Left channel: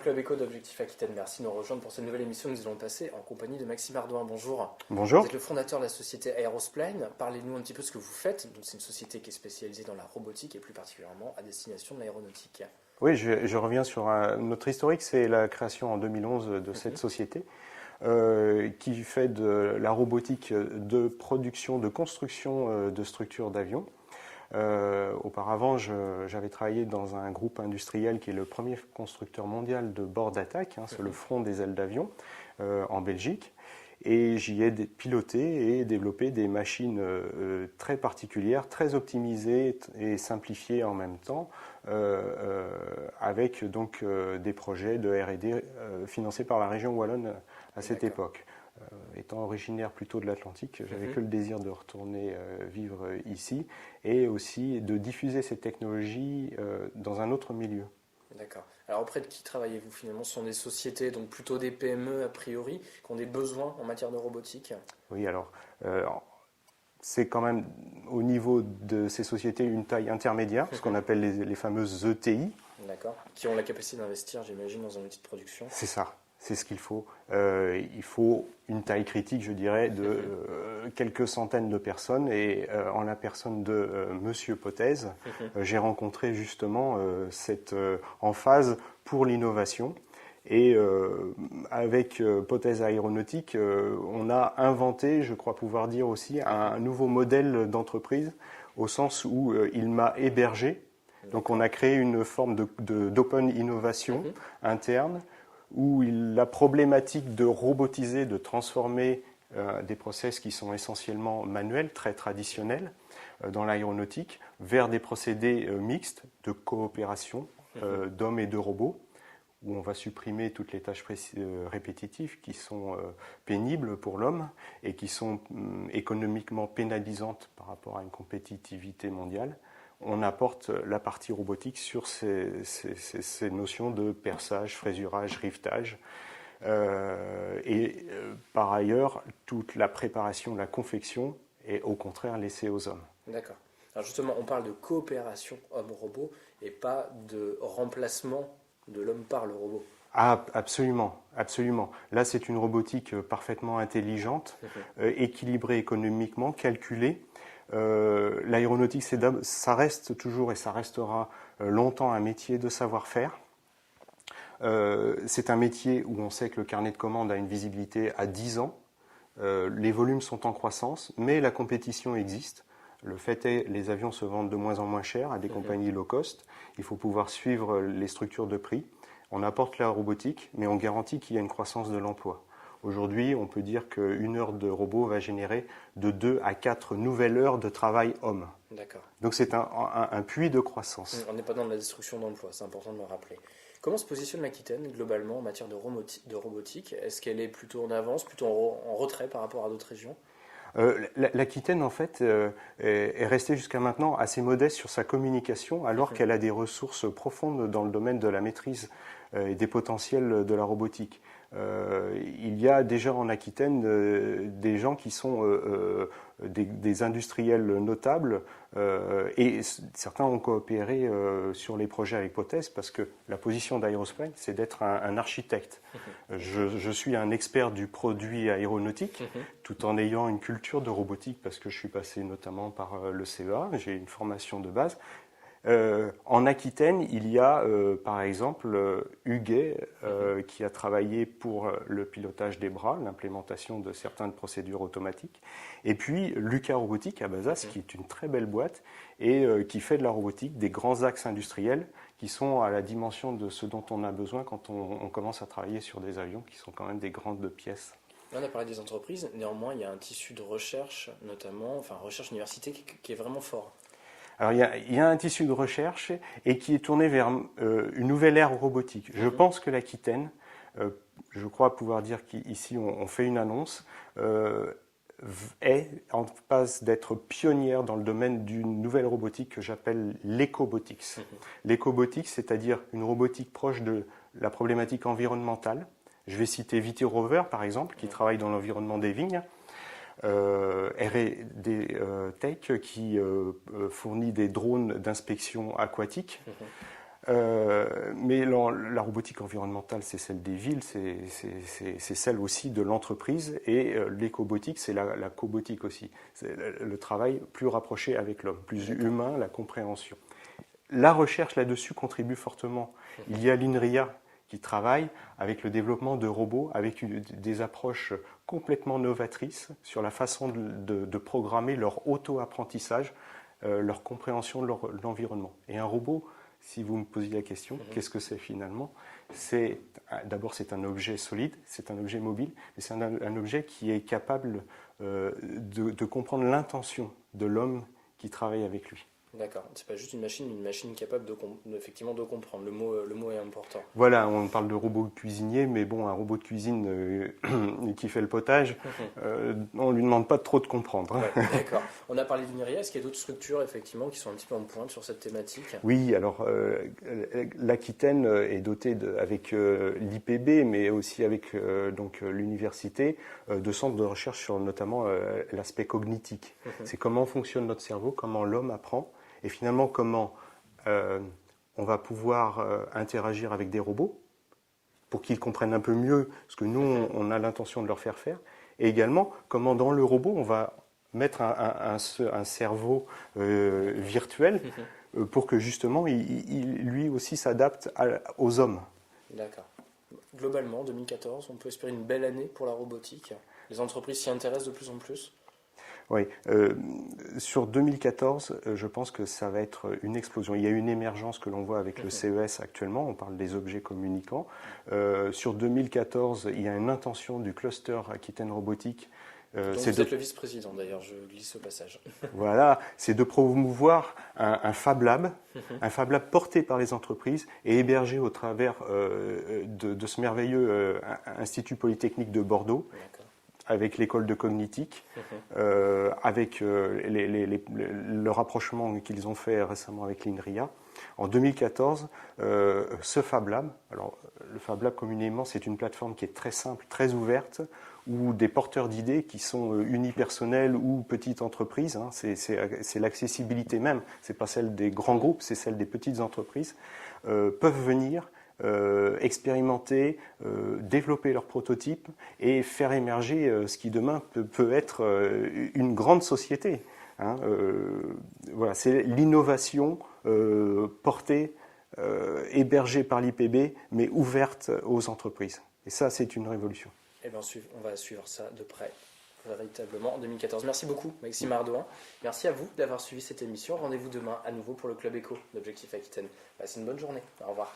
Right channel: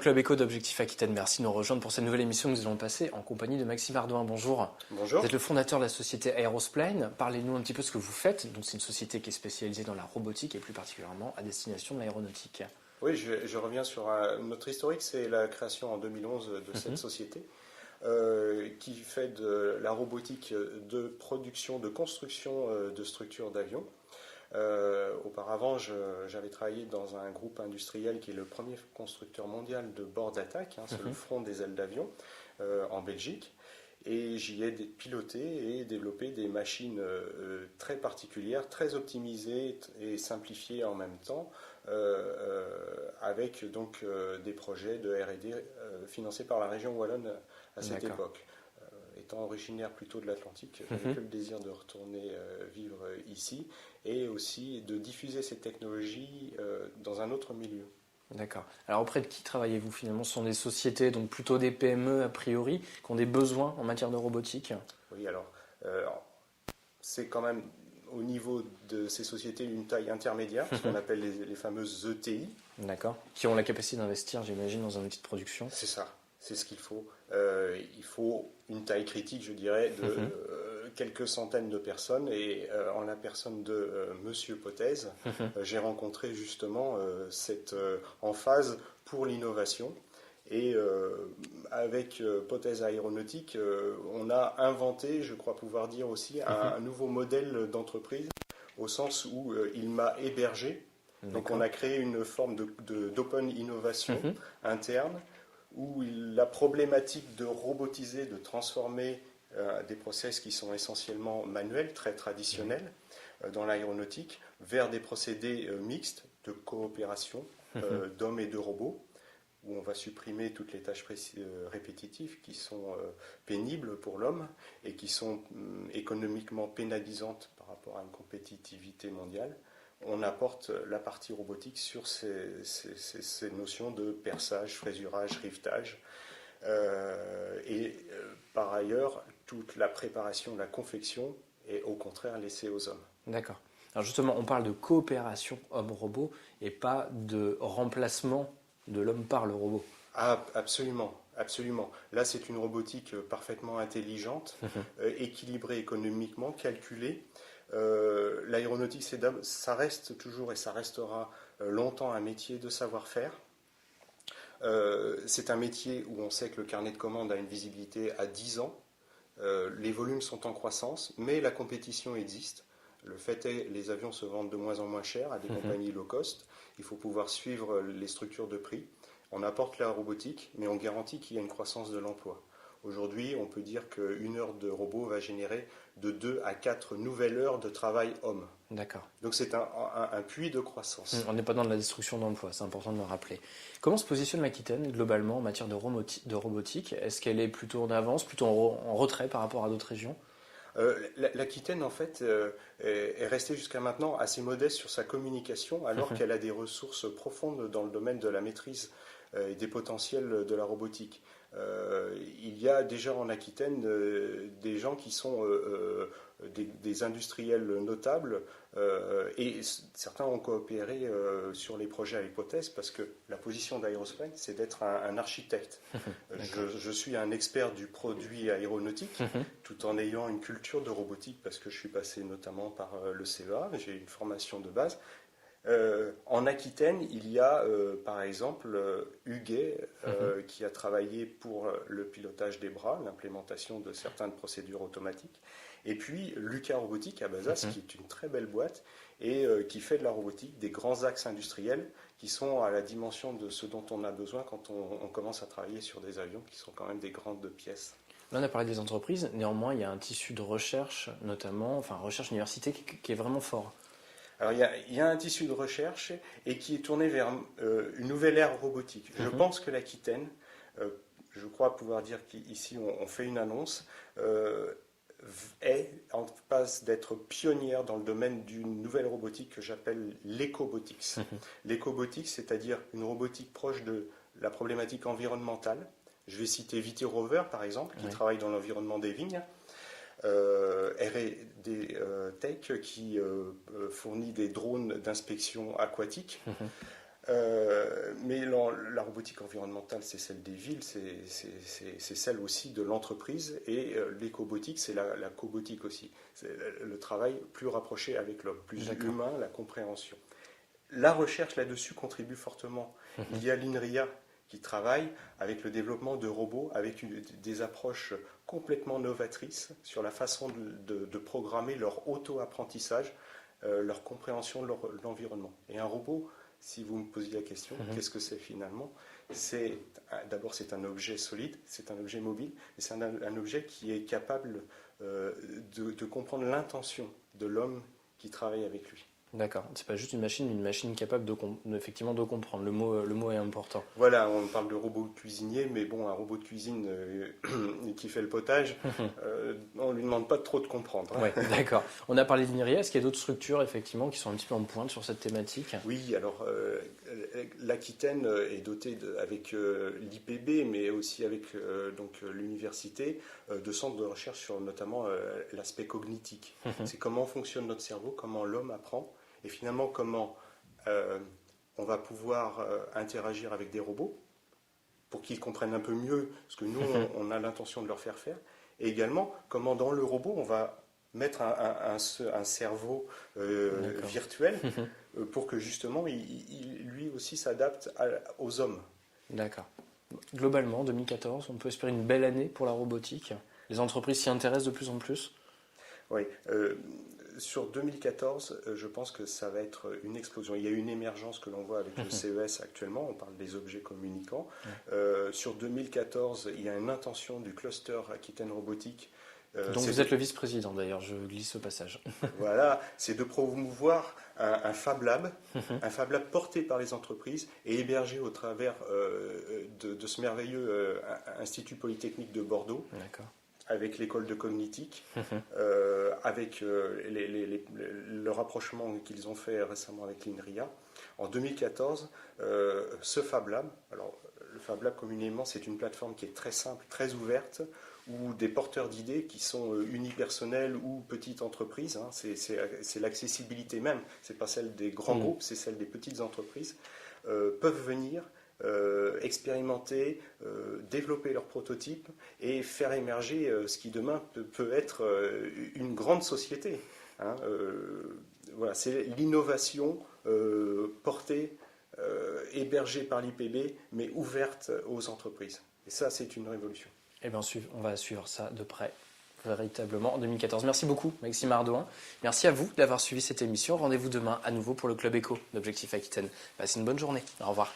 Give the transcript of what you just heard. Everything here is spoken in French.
Club Éco d'Objectif Aquitaine. Merci de nous rejoindre pour cette nouvelle émission que nous allons passer en compagnie de Maxime Ardouin. Bonjour. Bonjour. Vous êtes le fondateur de la société Aerosplane. Parlez-nous un petit peu de ce que vous faites. Donc, c'est une société qui est spécialisée dans la robotique et plus particulièrement à destination de l'aéronautique. Oui, je reviens sur notre historique, c'est la création en 2011 de cette société qui fait de la robotique de production, de construction de structures d'avions. Auparavant, j'avais travaillé dans un groupe industriel qui est le premier constructeur mondial de bords d'attaque sur le front des ailes d'avion en Belgique. Et j'y ai piloté et développé des machines très particulières, très optimisées et simplifiées en même temps, avec donc des projets de R&D financés par la région wallonne à cette époque. Étant originaire plutôt de l'Atlantique, j'avais que le désir de retourner vivre ici et aussi de diffuser ces technologies dans un autre milieu. D'accord. Alors auprès de qui travaillez-vous finalement? Ce sont des sociétés, donc plutôt des PME a priori, qui ont des besoins en matière de robotique? Oui, alors c'est quand même au niveau de ces sociétés une taille intermédiaire, ce qu'on appelle les fameuses ETI. D'accord. Qui ont la capacité d'investir, j'imagine, dans un outil de production. C'est ça. C'est ce qu'il faut. Il faut une taille critique, je dirais, de quelques centaines de personnes. Et en la personne de Monsieur Potez, j'ai rencontré justement cette emphase pour l'innovation. Et avec Potez Aéronautique, on a inventé, je crois pouvoir dire aussi, un nouveau modèle d'entreprise, au sens où il m'a hébergé. Donc on a créé une forme d'open innovation interne, où la problématique de robotiser, de transformer des process qui sont essentiellement manuels, très traditionnels dans l'aéronautique, vers des procédés mixtes de coopération d'hommes et de robots, où on va supprimer toutes les tâches répétitives qui sont pénibles pour l'homme et qui sont économiquement pénalisantes par rapport à une compétitivité mondiale. On apporte la partie robotique sur ces notions de perçage, frésurage, rivetage. Par ailleurs, toute la préparation, la confection est au contraire laissée aux hommes. D'accord. Alors justement, on parle de coopération homme-robot et pas de remplacement de l'homme par le robot. Ah, absolument, absolument. Là, c'est une robotique parfaitement intelligente, équilibrée économiquement, calculée. L'aéronautique, ça reste toujours et ça restera longtemps un métier de savoir-faire. C'est un métier où on sait que le carnet de commandes a une visibilité à 10 ans. Les volumes sont en croissance, mais la compétition existe. Le fait est, les avions se vendent de moins en moins cher à des compagnies low cost. Il faut pouvoir suivre les structures de prix. On apporte la robotique, mais on garantit qu'il y a une croissance de l'emploi. Aujourd'hui, on peut dire qu'une heure de robot va générer de 2 à 4 nouvelles heures de travail homme. D'accord. Donc c'est un puits de croissance. On n'est pas dans la destruction d'emplois, c'est important de le rappeler. Comment se positionne l'Aquitaine globalement en matière de robotique? Est-ce qu'elle est plutôt en avance, plutôt en retrait par rapport à d'autres régions? L'Aquitaine, en fait, est restée jusqu'à maintenant assez modeste sur sa communication, alors qu'elle a des ressources profondes dans le domaine de la maîtrise et des potentiels de la robotique. Il y a déjà en Aquitaine des gens qui sont des industriels notables et certains ont coopéré sur les projets avec Potez parce que la position d'Aerosplane, c'est d'être un architecte. Je suis un expert du produit aéronautique tout en ayant une culture de robotique parce que je suis passé notamment par le CEA, j'ai une formation de base. En Aquitaine, il y a par exemple Huguet qui a travaillé pour le pilotage des bras, l'implémentation de certaines procédures automatiques. Et puis Lucas Robotique à Bazas, qui est une très belle boîte et qui fait de la robotique, des grands axes industriels qui sont à la dimension de ce dont on a besoin quand on commence à travailler sur des avions qui sont quand même des grandes pièces. Là, on a parlé des entreprises, néanmoins, il y a un tissu de recherche, notamment, enfin recherche université, qui est vraiment fort. Alors, il y a un tissu de recherche et qui est tourné vers une nouvelle ère robotique. Je pense que l'Aquitaine, je crois pouvoir dire qu'ici on fait une annonce, est en passe d'être pionnière dans le domaine d'une nouvelle robotique que j'appelle l'écobotics. L'écobotics, c'est-à-dire une robotique proche de la problématique environnementale. Je vais citer VT Rover, par exemple, qui travaille dans l'environnement des vignes. R&D Tech qui fournit des drones d'inspection aquatique. Mais la robotique environnementale, c'est celle des villes, c'est celle aussi de l'entreprise. Et l'écobotique, c'est la cobotique aussi. C'est le travail plus rapproché avec l'homme, plus humain, la compréhension. La recherche là-dessus contribue fortement. Il y a l'INRIA qui travaille avec le développement de robots, avec des approches complètement novatrices sur la façon de programmer leur auto-apprentissage, leur compréhension de l'environnement. Et un robot, si vous me posiez la question, qu'est-ce que c'est finalement? D'abord, c'est un objet solide, c'est un objet mobile, mais c'est un objet qui est capable de comprendre l'intention de l'homme qui travaille avec lui. D'accord, c'est pas juste une machine, mais une machine capable effectivement de comprendre. Le mot est important. Voilà, on parle de robot cuisinier, mais bon, un robot de cuisine qui fait le potage, on ne lui demande pas trop de comprendre. Ouais, d'accord. On a parlé de l'INRIA, est-ce qu'il y a d'autres structures effectivement qui sont un petit peu en pointe sur cette thématique? Oui, alors l'Aquitaine est dotée avec l'IPB, mais aussi avec l'université, de centres de recherche sur notamment l'aspect cognitique. C'est comment fonctionne notre cerveau, comment l'homme apprend, et finalement comment on va pouvoir interagir avec des robots pour qu'ils comprennent un peu mieux ce que nous, on a l'intention de leur faire faire, et également comment dans le robot, on va mettre un cerveau virtuel pour que justement, lui aussi s'adapte aux hommes. D'accord. Globalement, 2014, on peut espérer une belle année pour la robotique. Les entreprises s'y intéressent de plus en plus. Oui, sur 2014, je pense que ça va être une explosion. Il y a une émergence que l'on voit avec le CES actuellement, on parle des objets communicants. Sur 2014, il y a une intention du cluster Aquitaine Robotique. Donc vous êtes le vice-président d'ailleurs, je lis ce passage. Voilà, c'est de promouvoir un Fab Lab, un Fab Lab porté par les entreprises et hébergé au travers de ce merveilleux Institut Polytechnique de Bordeaux. D'accord. Avec l'école de cognitique, avec le rapprochement qu'ils ont fait récemment avec l'INRIA. En 2014, ce Fab Lab, alors le Fab Lab communément c'est une plateforme qui est très simple, très ouverte, où des porteurs d'idées qui sont unipersonnels ou petites entreprises, hein, c'est l'accessibilité même, c'est pas celle des grands groupes, c'est celle des petites entreprises, peuvent venir expérimenter, développer leurs prototypes et faire émerger ce qui demain peut être une grande société. Hein. Voilà, c'est l'innovation portée, hébergée par l'IPB, mais ouverte aux entreprises. Et ça, c'est une révolution. Eh bien, on va suivre ça de près, véritablement, en 2014. Merci beaucoup, Maxime Ardouin. Merci à vous d'avoir suivi cette émission. Rendez-vous demain à nouveau pour le Club Éco d'Objectif Aquitaine. Passez une bonne journée. Au revoir.